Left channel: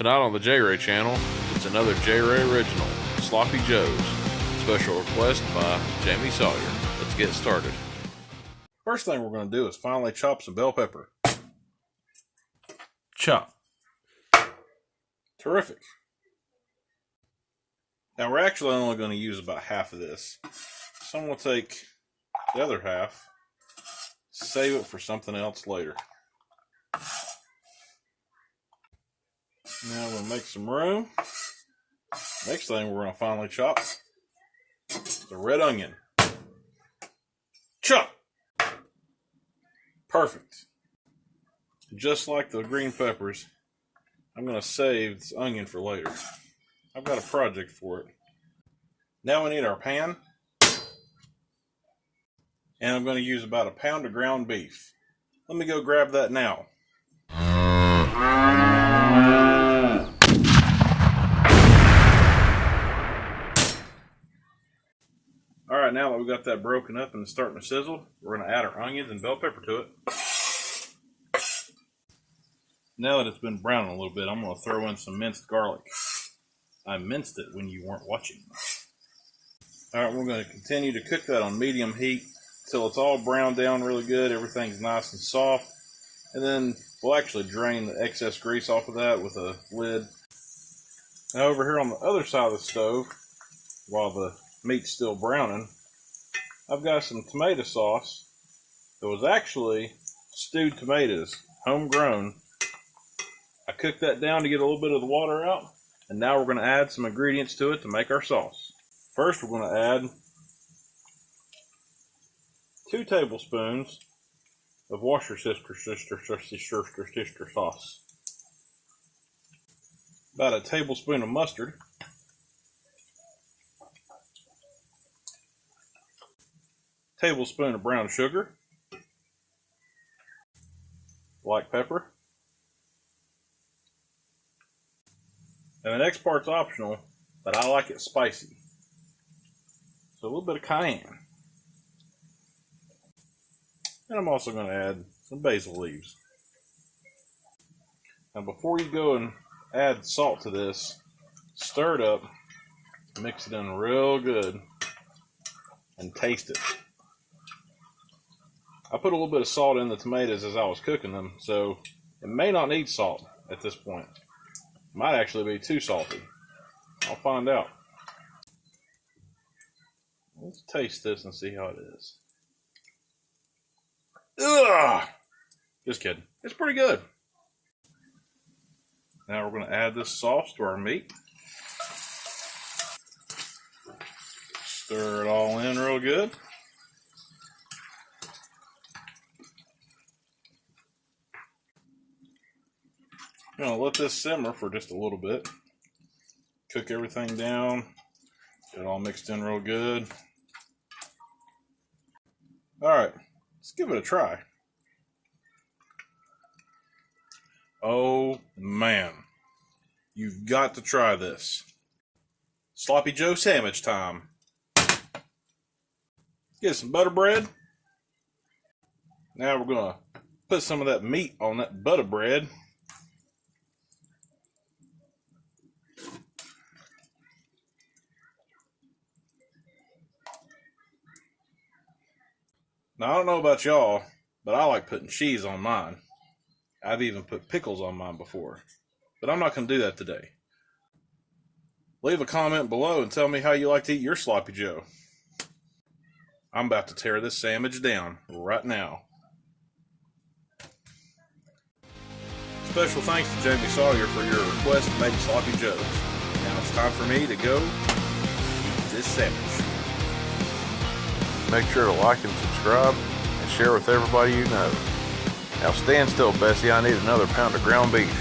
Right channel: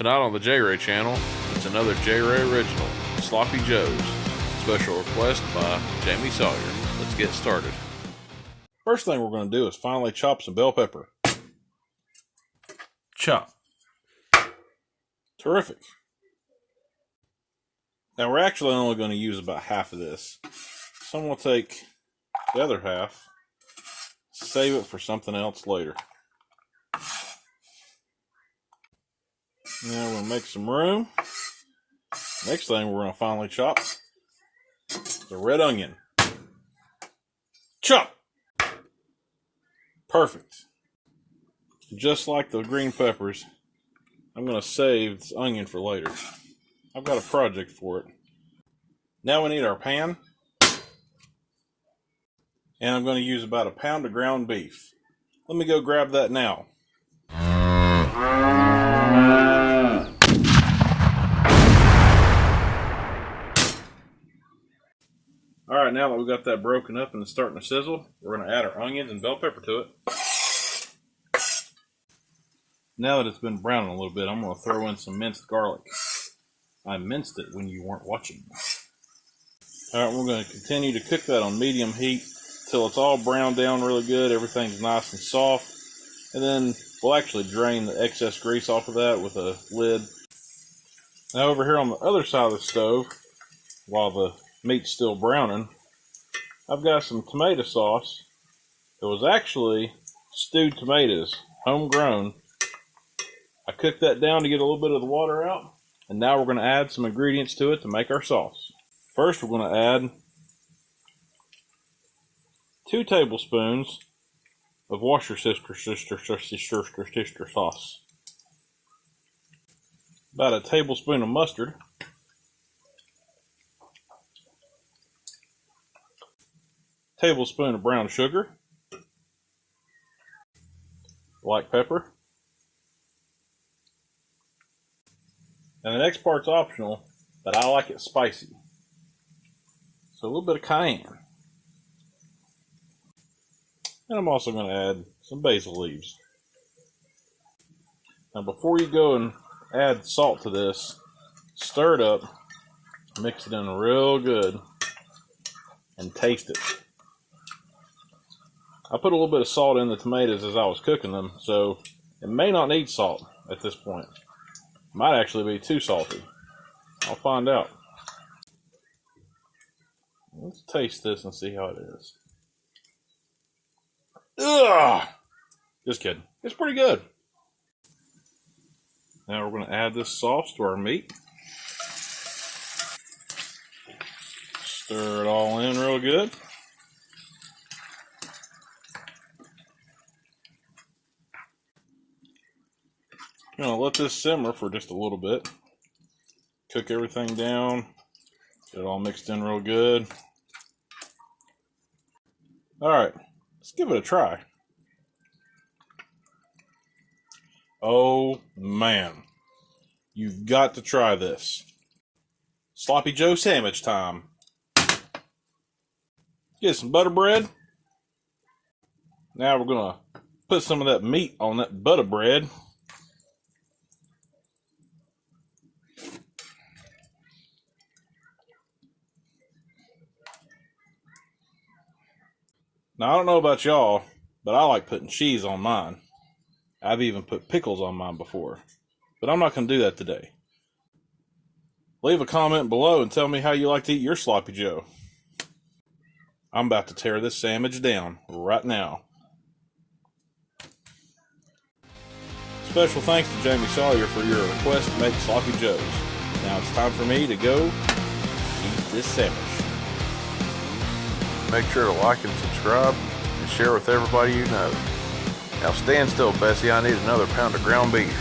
Tonight on the J-Ray channel, it's another J-Ray original, Sloppy Joe's. Special request by Jaime Sawyer. Let's get started. First thing we're going to do is finally chop some bell pepper. Chop. Terrific. Now we're actually only going to use about half of this. So I'm going to take the other half, save it for something else later. Now I'm going to make some room. Next thing we're going to finally chop the red onion. Chop! Perfect. Just like the green peppers, I'm going to save this onion for later. I've got a project for it. Now we need our pan. And I'm going to use about a pound of ground beef. Let me go grab that now. Alright, now that we've got that broken up and it's starting to sizzle, we're going to add our onions and bell pepper to it. Now that it's been browning a little bit, I'm going to throw in some minced garlic. I minced it when you weren't watching. Alright, we're going to continue to cook that on medium heat until it's all browned down really good, everything's nice and soft. And then we'll actually drain the excess grease off of that with a lid. Now over here on the other side of the stove, while the meat's still browning, I've got some tomato sauce that was actually stewed tomatoes, homegrown. I cooked that down to get a little bit of the water out, and now we're going to add some ingredients to it to make our sauce. First, we're going to add 2 tablespoons of Worcestershire sauce, about a tablespoon of mustard, tablespoon of brown sugar, black pepper, and the next part's optional, but I like it spicy. So a little bit of cayenne. And I'm also going to add some basil leaves. Now before you go and add salt to this, stir it up, mix it in real good, and taste it. I put a little bit of salt in the tomatoes as I was cooking them, so it may not need salt at this point. It might actually be too salty. I'll find out. Let's taste this and see how it is. Ugh! Just kidding. It's pretty good. Now we're going to add this sauce to our meat. Stir it all in real good. I'm going to let this simmer for just a little bit. Cook everything down. Get it all mixed in real good. Alright, let's give it a try. Oh man, you've got to try this. Sloppy Joe sandwich time. Get some butter bread. Now we're going to put some of that meat on that butter bread. Now, I don't know about y'all, but I like putting cheese on mine. I've even put pickles on mine before, but I'm not going to do that today. Leave a comment below and tell me how you like to eat your Sloppy Joe. I'm about to tear this sandwich down right now. Special thanks to Jaime Sawyer for your request to make Sloppy Joes. Now it's time for me to go eat this sandwich. Make sure to like and subscribe and share with everybody you know. Now stand still, Bessie. I need another pound of ground beef.